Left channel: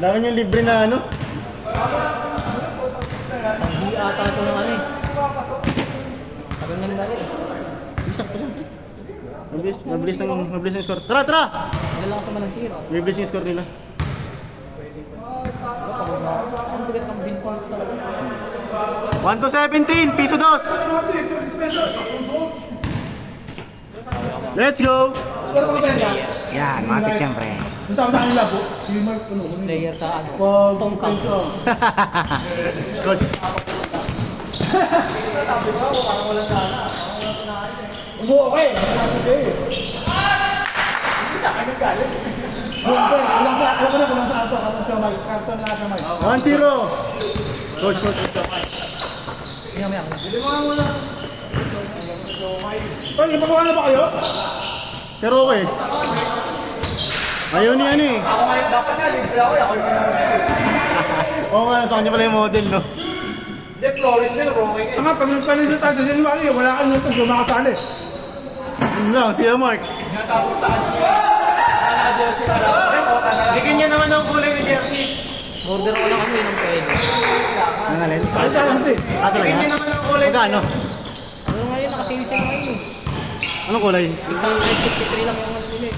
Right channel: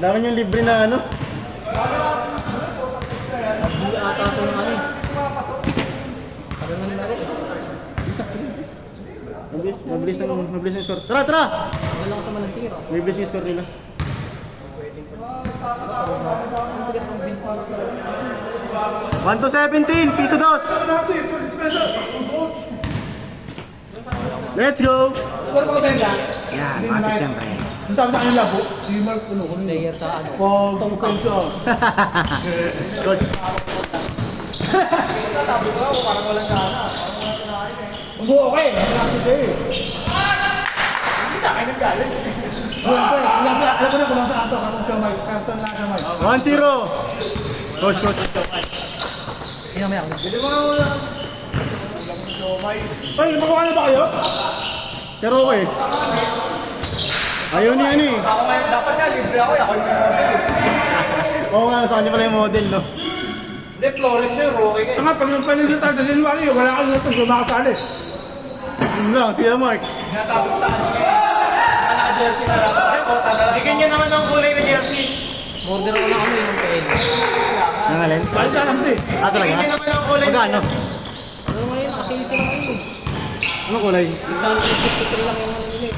Dami niyang libre na ano. Hindi ata ito yung ano eh. Sakto lang. Mabilis ng score. Tara, tara! Wala lang sa manang tira. Mabilis yung score nila. Ang bigat ng bin part. 1-17, piso dos. Let's go! Pero mga benda, Yan, matik yan, pre. ang tawag na ang labo, si Mark, ano, Player sa ano. pag tungkol siya. Good. Okay, sa akin na tayo. Alam ko na kung saan ito, alam siya may, karton na natin may. 1-0. Coach. Ay, magawa na ba kayo? Pero okay. Ayaw ni ano eh. Dapat na, libre ako, ako yung Oo nga, sa kanya pala yung model, no? Hindi, flores na yun, okay kayo. Nga, pag nagpanilito tayo sa January, wala kang natin, sumakasali. Yun lang, siya Mark. Bigyan niya naman ng kulay na jersey. Order ko lang ano yun ang pen. Nangalin? Ano ka kasi? Ah, talaga? Magkano? Ano ngayon, kasi sila ngayon. Anong kulay? 653 lang yung nabili.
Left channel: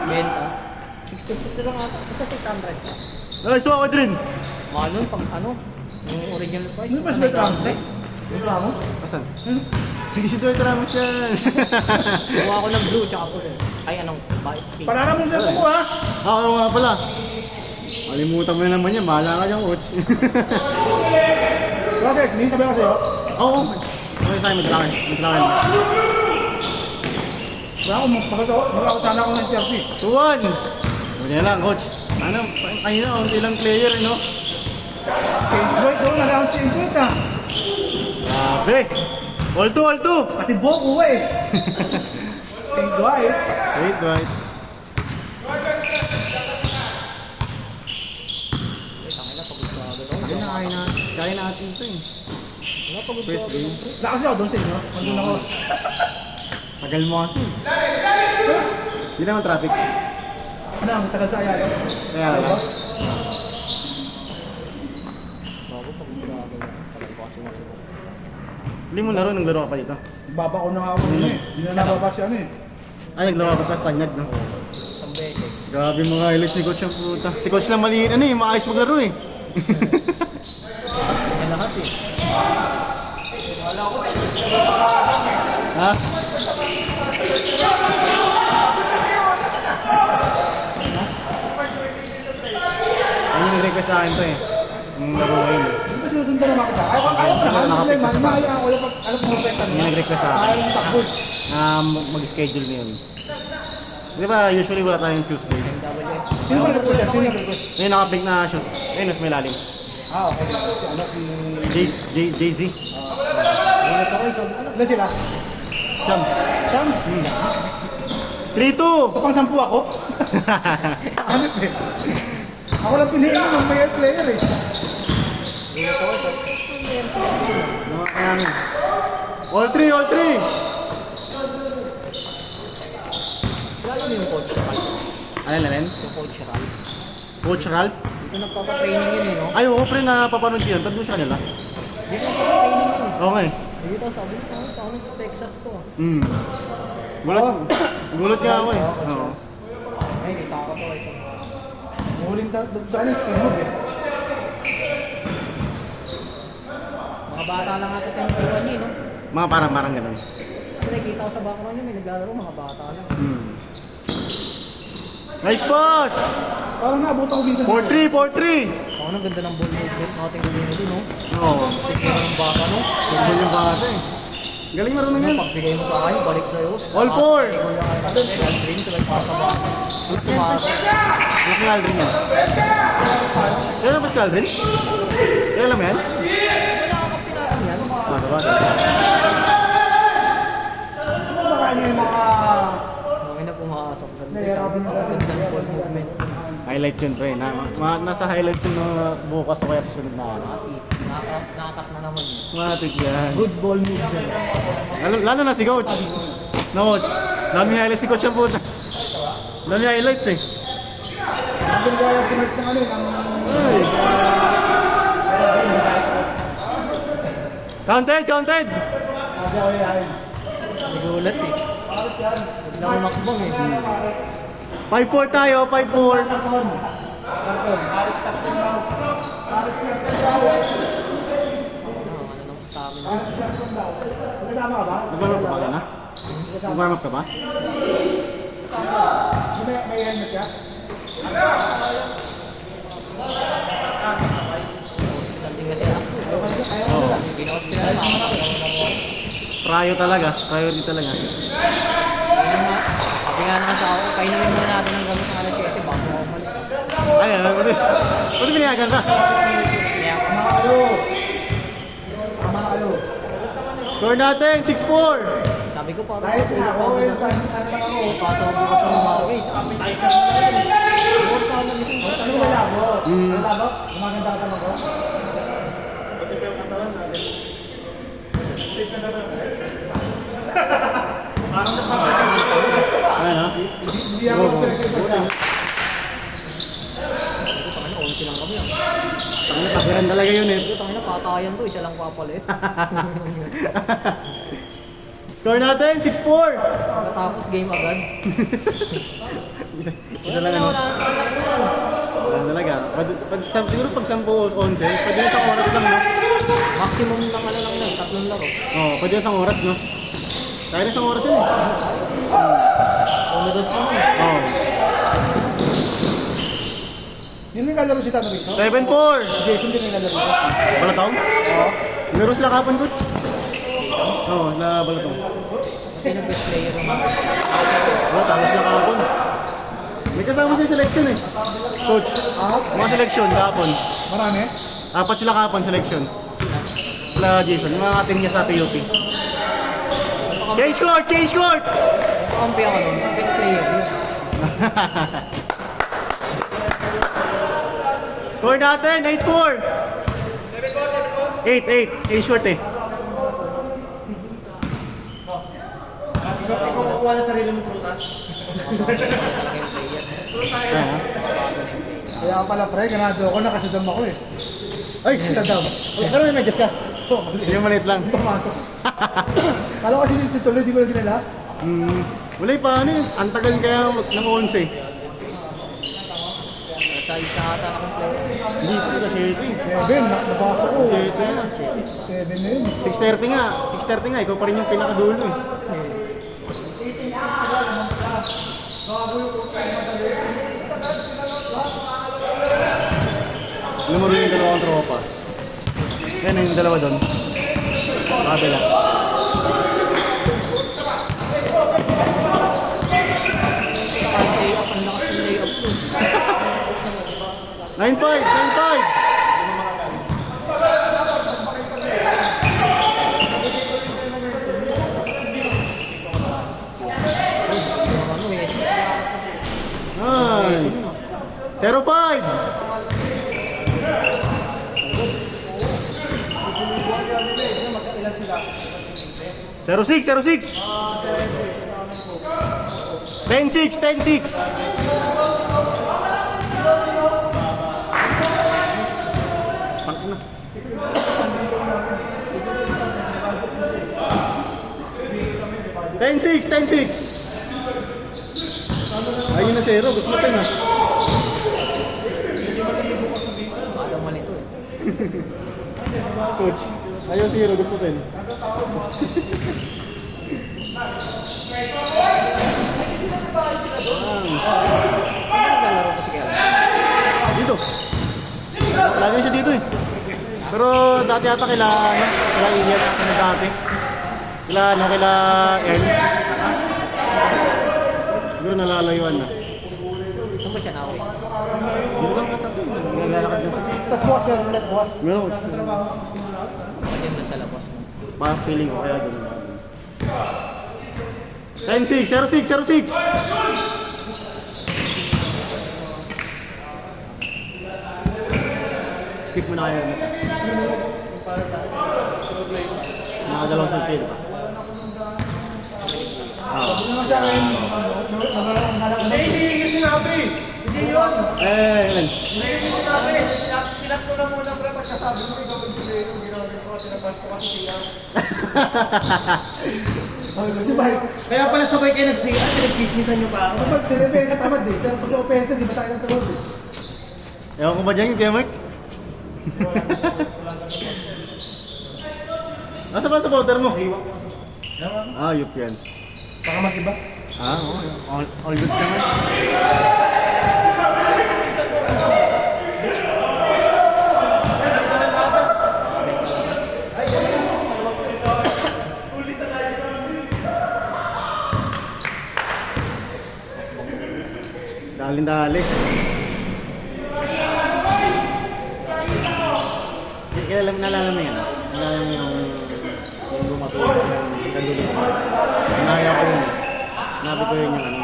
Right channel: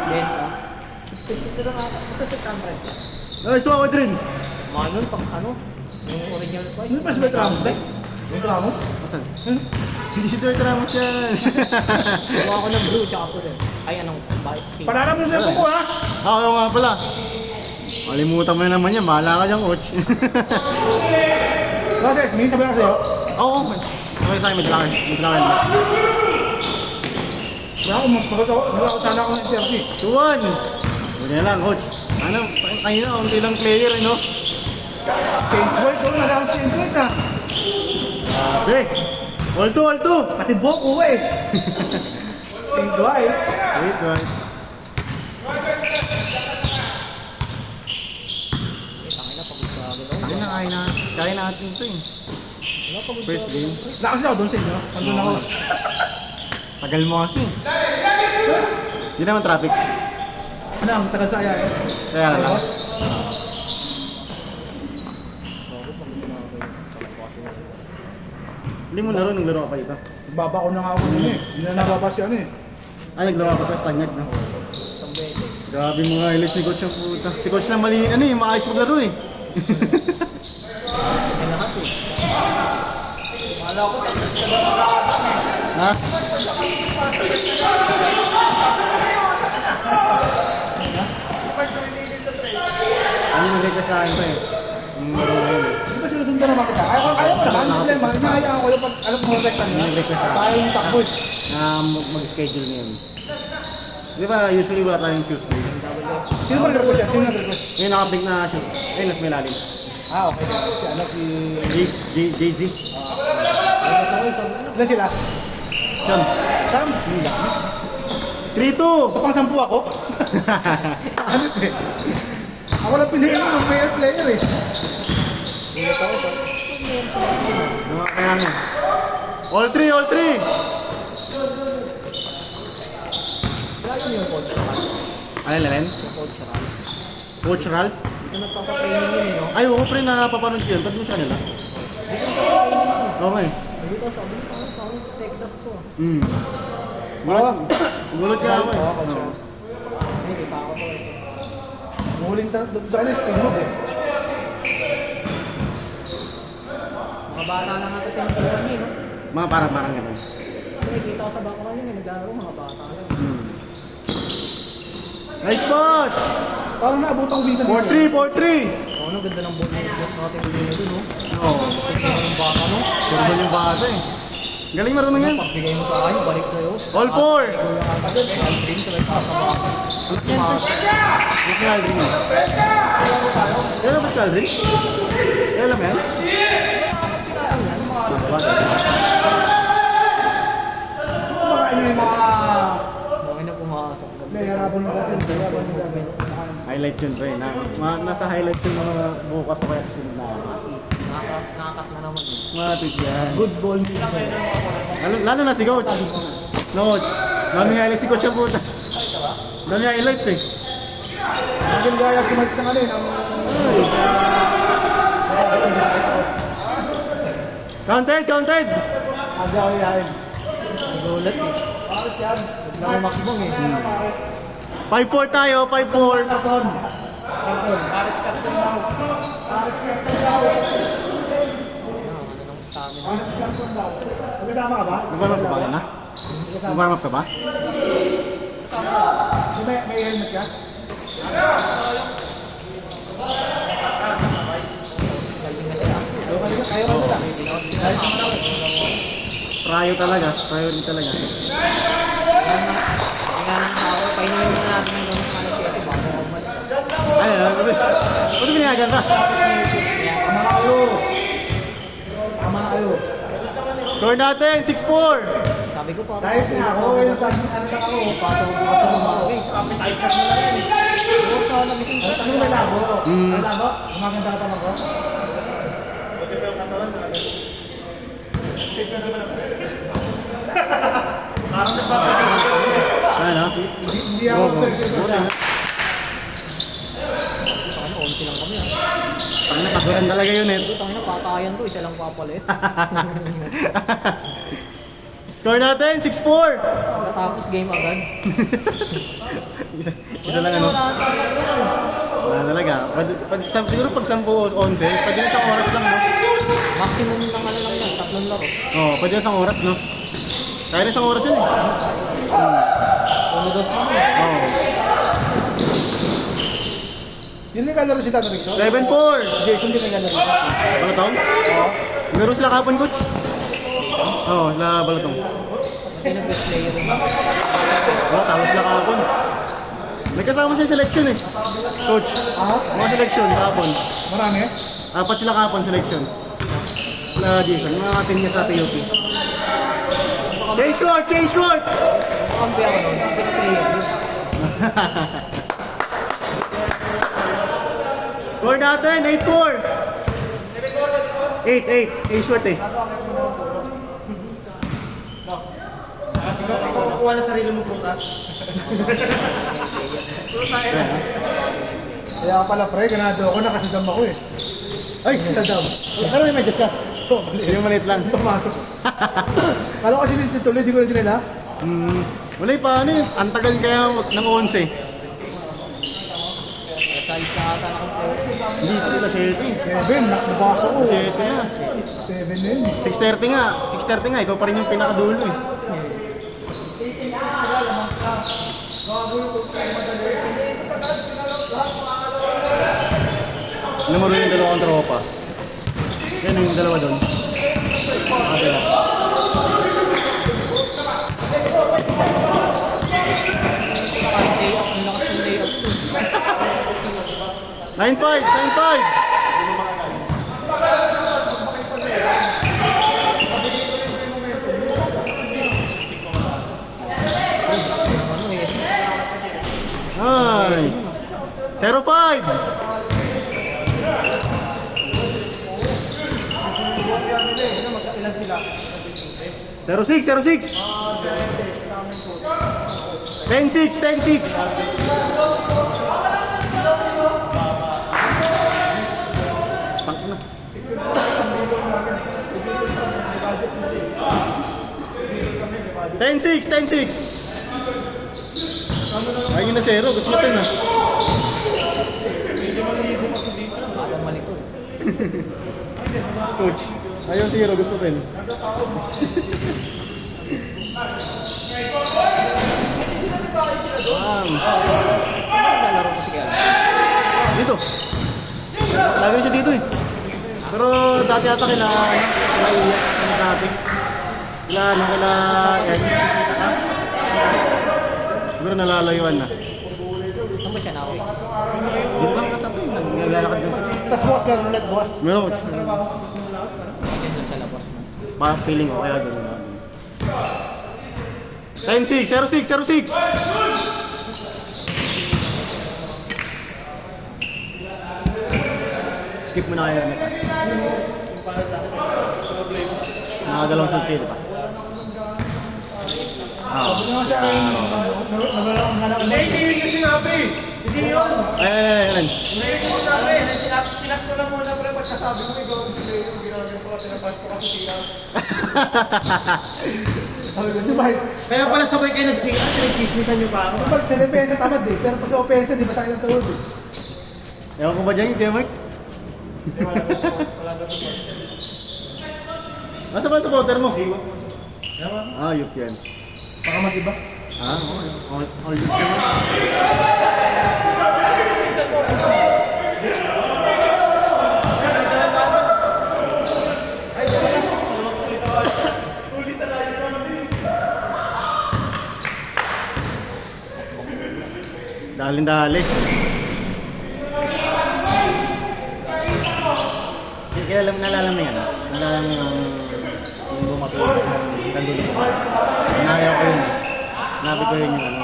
Benta. 653 lang ako. Kasi 600. Ay, suwa ko din. Ano, pang ano? Yung original ko. Ano pa si Beto Ramos, Tek? Beto Ramos? Asan? Hindi si Dwight Ramos yan. Gawa ako ng blue tsaka pula. Ay, anong bike pink. Panala mo sa ko ha? Oo nga pala. Malimutan mo na naman yan, mahala ka dyan, coach. Brother, may sabi ko sa'yo. Oo. Ano sa'yo, maglakan. Wala ako sana ako ng jersey. Suwan! Wala lang, coach. Ano, kanina, ang ilang player, no? Saint Dwight, doon na si Saint Dwight ha. Sabi! All two! Pati Boku eh. Saint Dwight. Wait, Dwight. Tangina, pagod ka agad ako. Hindi ako makakapagod. Kaya natin ito eh. Wala, pagod ka First agad game. ako. Lakas ako doon sa inyo. Nandun ako. Tagal mo kasi. Hindi naman traffic. Ano, tagal sa kaya. Kaya lang. Hindi mo laro nung laro ka pa dito. Baba ko na nga ako kanina eh. Hindi na nababa siya ano eh. Ay, naglaro ka pa Tanyag, no? Ang bete. Grabe mga ilis ni coach yung puta. Si coach lang mali, ano eh, maayos maglaro eh. Kailangan eh. Ha? Ano nag-request sa akin pa eh. Yung laro na yun eh. Hindi ba sinusundan naman kita? Ayaw ko naman. Problema. Hinahayaan ko yung pag alam mo protect Hindi niya. nag-request sa akin. Ayaw yung takbo. Na mag-schedule niya yun. Di ba usually wala tayong Tuesday? Sino ba nag-request yan? Sino nag-request? Ngayon naka-big na shoes. Ayun, mas may lalim. Ah, okay. Si ano, si... Jay-Z. Ilan sila? Sam. Sam? 3-2! Ito pang 10 ako? Ano eh? Ako lang pinili ng player eh. Ulit ako siya. Mga kawan. All three! Lalo mo yung coach sa kanya. Ano na rin? Yung coach sa kanya. Coach Ralph? Ito nagpapa-training yun eh, no? Ay, oo, pre, napapanood ko yun. Ba't doon sa kanila? Dito nagpapa-training yun. Okay. Dito sa Texas to. Gulat ka ako eh. Oo, Coach Oo. Ralph. Ay, kita ako po ito. Muling sa ano, spin move eh. Mga bata na natating ko kanina. Mga parang ganun. Kasi nakikita ko sa background yun, may naglaro mga bata na. Nice toss! Parang naabot ako minsan. 4-3! Ako nang ganda ng ball movement natin gawin na dun, no? Oo. Pagkira ng bata, no? Ganda yung bago. Galing marunong yan. Pagbigay mo sa akin, balik sa'yo. All four! Kuya ka natin, Aldrin, sabay pa sa bata. Look ni Aldrin mo. Kailan ba si Aldrin? Kailan ba yan? Sabagay. Ano yung mga... Okay na pumasok. May harapan mo kasi. Highlights yun, pre. Nasa highlights yun ng bukas kaya sa sunod na araw. Nakakat na naman. Matik yan. Good ball movement. Lalo na si Coach. No, Coach. Dami highlights si Coach ang puta. Dami highlights eh. Nandun gaya sinag ng ano eh. Counted, counted! Medyo ako yahin. Nagulat eh. Bigla umakbang eh. 5-4 tayo, 5-4. Karton. Ano ng stamina. Magkasama ka ba? Nag-warm up ka ba na? Nag-warm up ka ba? May helmet ka? Hospital din kasi ako. Oo. Prayo talaga. Priority talaga. Hindi nga nasa ako. Kainin mo na natin ng gamot na si Ate. Ayun. Pwede binayagan ka? Tama na kayo. Score natin, 6-4. Sabi ko pa. Dahil ako yung sa ano ako. Pasok ko kasi lumagay. Bukas ako nagising sa Ano labo? Labo? Gumaganda ka lang ko? Ayan ha. Hindi ako Ano, 11 lang kami ah. Ano, kapiran talaga yun eh. Ito, tangina, patayan to. Isa lang papalit. Score natin, 6-4. Pagkatapos game agad. Wala na, wala na talaga. Wala talaga. Siguro pag 10-11, pwede na isang oras lang, no? Maximum ng ano lang yan, 3 laro. Oo, pwede na isang oras, no? Kaya na isang oras yun. Umidos naman eh. Oo. Yun yung lalaro si Tano rito? 7-4. Jason din yung lalaro rito? Balatong? Oo. Meron sila kapon, coach? Oo, la Balatong. Kasi nag-best player yung mga. Balatong, sila kapon. May kasama siya selection eh. Coach, mga selection kapon. Marami? 4 sila kapon selection. Sila Jason, mga team niya sa PUP. Change court! Change court! Kampi ako, best player yun. Score natin, 8-4. 8-8. Eh, short eh. Ikaw kukuha na sarili mong prutas. Kaya pala pre, ganado ako, nakasadam ako eh. Ay, Sadam. ano na nag-asa? Yung maliit lang. Pumasok. Kala ko kasi tutuloy, di ko na dinala. Wala pa ano eh. Ang tagal kaya ng 11. Nasa isa ata na kong player. Hindi pa nila 7, nabasok ko. 7 na. 7 na yun eh. 6:30 nga. 6:30 nga. Ikaw pa rin yung pinakadulo eh. Ano mo yung dalawang tropa? Yan yung dalawa doon. Okay na. Kahit lay-up, ang lakas ng lay-up to. 9-5! 9-5! Ano eh. Nice! 0-5! Zero six, 10-6, 10-6. Tangina. 10-6, 10-6. Ayun na zero, gusto natin na. Baka mali to eh. Coach, ayaw zero, gusto natin. Ano naglalaro ko si Kel? Dito. Lagi na siya dito eh. Pero dati ata kila Elias na dati. Kila N. Siguro nalalayuan na. Saan ba siya na eh? Dito lang ata ito. Naglalakad na siya. Tapos bukas ka ulit, boss. Meron. Diyan lang sa labas mo. Feeling ko kaya doon. 10-6, 0-6, 0-6. Skip mo na kayo nito. Nakadalawang sungkil pa. Hindi, hindi nga pre. Hindi Ilan? Silap ko lang muna pala pagsasabi ko, ikaw ang sila yung ginawa niya po, sinabas ko kasi siya. Si Mike, Kaya pala sabay kayo nagsigat, nagkismisan nyo pa ako. kapag tinabaya ka tamad eh, pero pag sa offense, di ba tayo ng tawag eh? Ewan ko ba dyan, Kuya Mike? Nasa ba sa powder mo? Ah, yup yan. Baka mag-iba. Ang gusto mo. Dali. Kaya alam, nalala mo yan. Nalala mo yung lumaki yung kandulo. Hinaya ko yun eh. Nabi ko yun yung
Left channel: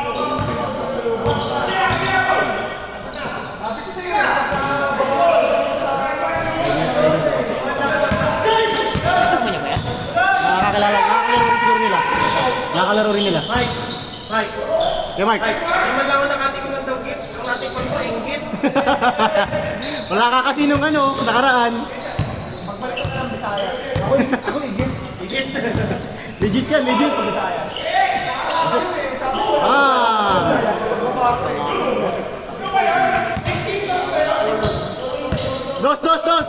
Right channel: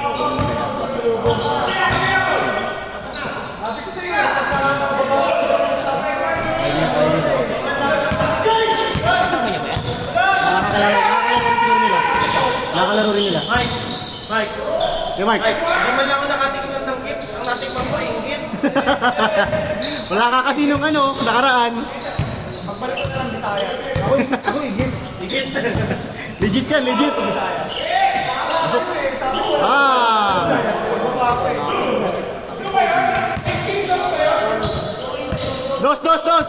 nakakalaro rin nila. Mike! Yeah, Mike! Naman ako nakatingin ng dawgit, ang ating pang-ingit. Wala ka kasi nung nakaraan. Ako ingit. Legit yan, legit. Dos!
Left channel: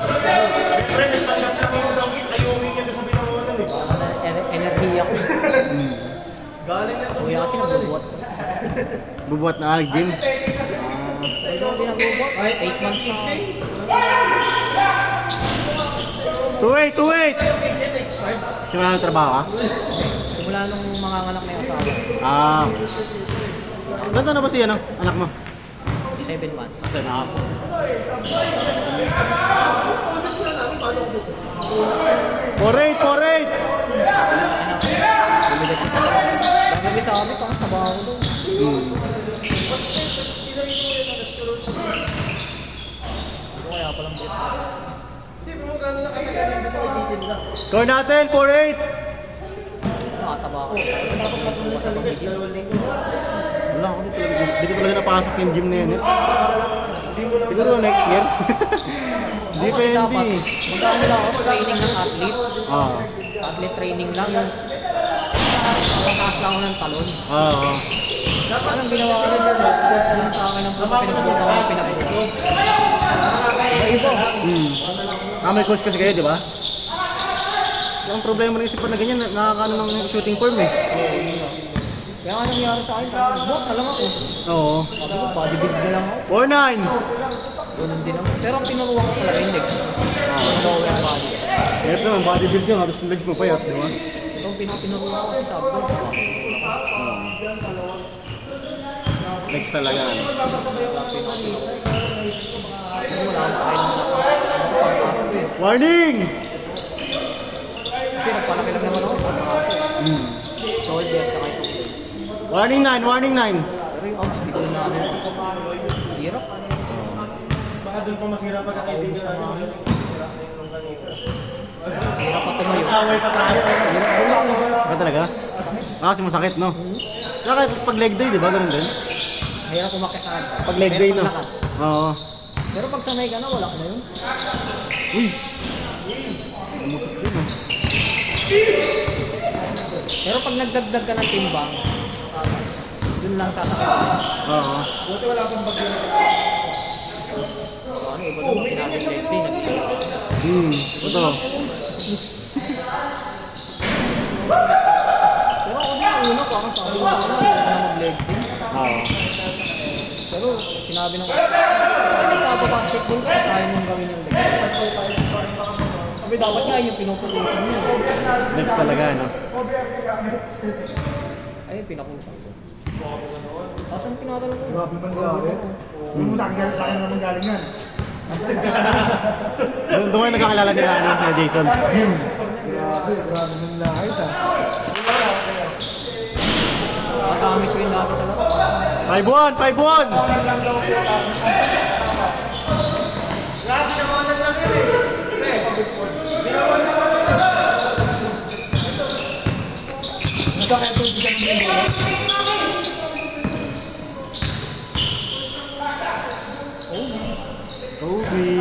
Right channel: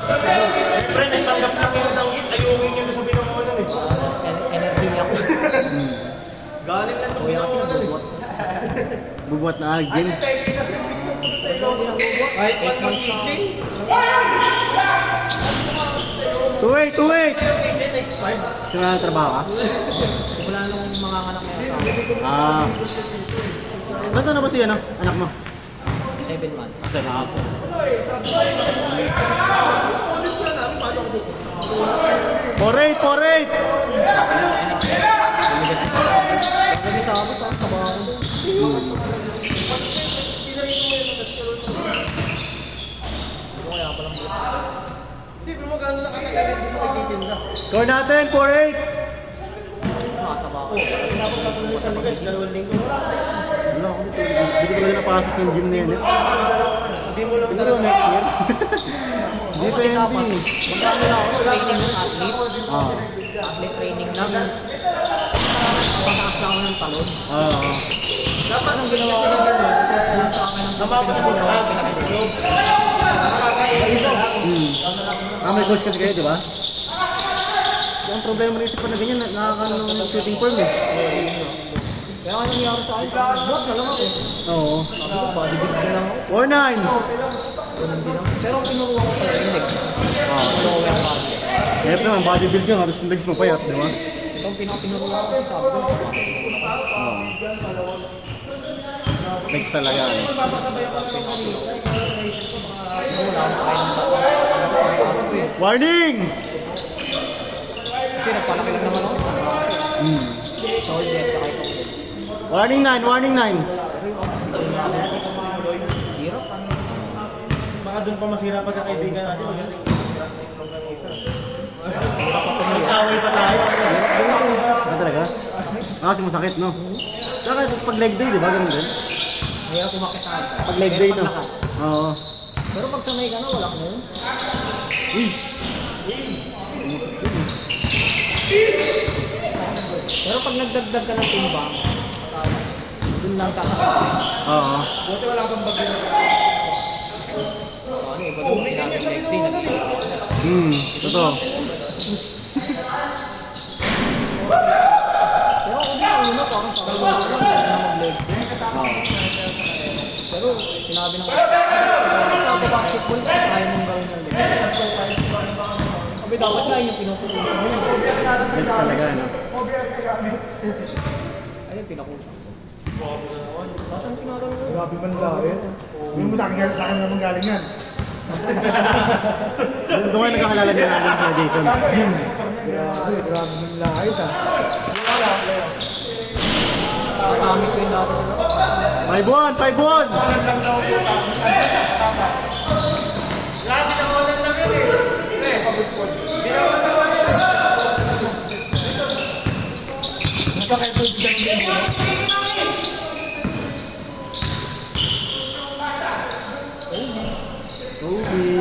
Siyempre, nagtanggap na ako ng dawgit, ayungin niya na sa binangonan eh. Energy ako. Galing na Kuya kasi nagbubuhat. Bubuhat na game. 8 months na ako. Wait! Sila na trabaho ka? Wala nung mga anak na yun. Ganda na ba si anak mo? 7 months. Ate, nakaso. Porate! Bumili sa akin. Score natin, 4-8! Wala ko dito. Hindi ko pala napasok yung gym na yun eh. Siguro next year. Hindi pa yun di. Training ng athlete. Athlete training lang. Taas lang ako ng talon. Dapat ang ginawa ko na yun. Kung sa akin ang pinakasunod, pinakasunod. May coach kasi kayo, di ba? Ang problema rin isip ko na ganyan, nakakano ng shooting form eh. Kaya nga nangyari sa akin, bot na lang ako. Oo. Bodybuild na lang ako. 4-9! Ganun din ako. Pero ang kinukuha ko pala yun. Lower body. Kaya naman, bodybuild lang, habis yung legs mo pa yun, di ba? Ito ang pinakuha ko kasi sabi ko, Legs talaga. pinakuha ko. Wala akong kain ng pangkaso ko eh. Warning! Kasi nagpalaki lang naman ako yung pangkaso. Shoulder, saka itong leg. Warning 9! Pero yung hindi ko na hirap. Baka doon pa masira pagkakaibigan natin. Away pa tayo. Talaga? Kasi masakit, no? Saka pag leg day, di ba? Ganun din? Mahirap umakit sa akin. Pag leg day, no? Oo. Pero pag sanay ka na, wala ka na yun. Uy! Pero pag nagdagdag ka ng timbang, dun lang sasakit. Oo. So ano, iba doon sinabing leg day, nag-iiyak ako. Ito. Kaya ako din yung una, parang sabi ko leg day. Pero sinabi nung nagsabi ko kasi kung kaya nung gawin yung leg day. Sabi dapat nga yung pinutuloy mo yun. Legs talaga, no? Ayun, pinakuha. Tapos yung tinatanong ko, Grabe pa nila ako eh. Yung sa akin naman galing yan. Doon nga nagkakilala din natin sa Jason. Grabe ng lahit ah. nagamit ko yung dati sa 5-1! Ruby.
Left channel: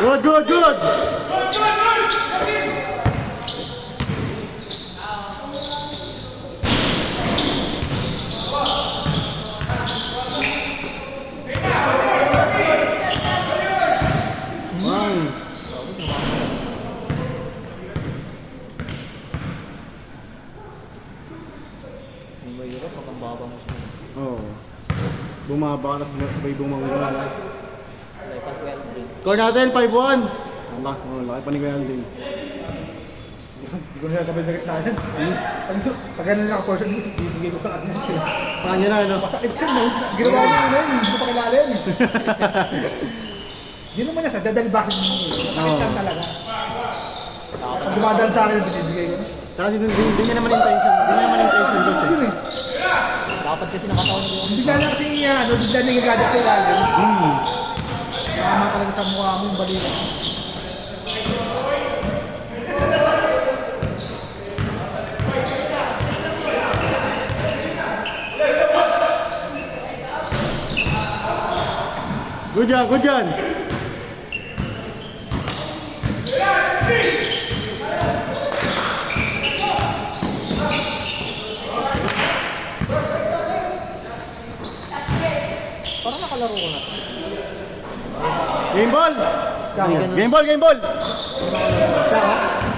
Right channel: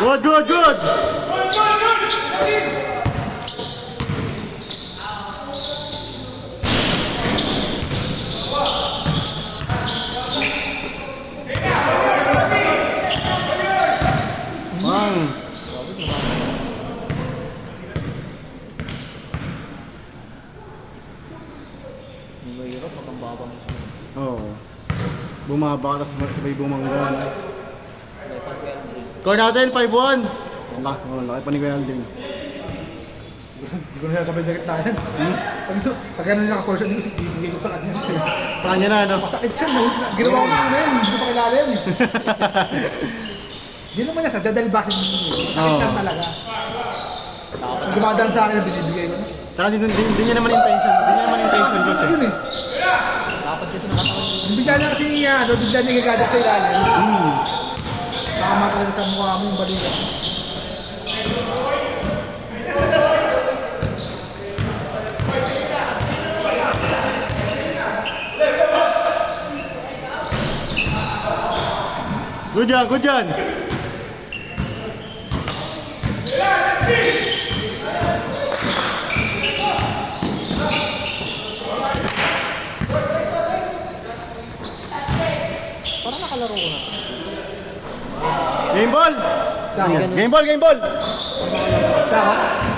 Good, good, good! Nice. Ang mahirap pag ang baba mo sa Oo. Bumaba ka tapos sabay bumangga. Letter 12. Score natin, 5-1. Ang laki pa ni Kuya Aldin. Hindi ko na sabay sa gitna yan. Ano? Pag ganun yung portion, ibigay ko sa kanya. Sa kanya na, ano? Sakit siya, no? Ginawa ko na yun, hindi ko pa kilala yun. Hindi naman niya sadya dahil bakit sakit lang talaga. Pag dumadaan sa akin, binibigay ko. Saka hindi niya naman intention. Hindi niya naman intention, coach. Ayun eh. Dapat kasi nakataon yung Bigla na kasi niya, ano, bigla niya gagadap sa ilalim. Tama talaga sa mukha mo yung balikat. Good yan, good yan. parang nakalaro ko na. Game ball! Sa Hindi akin. ganun. Game ball, game ball! Sa akin.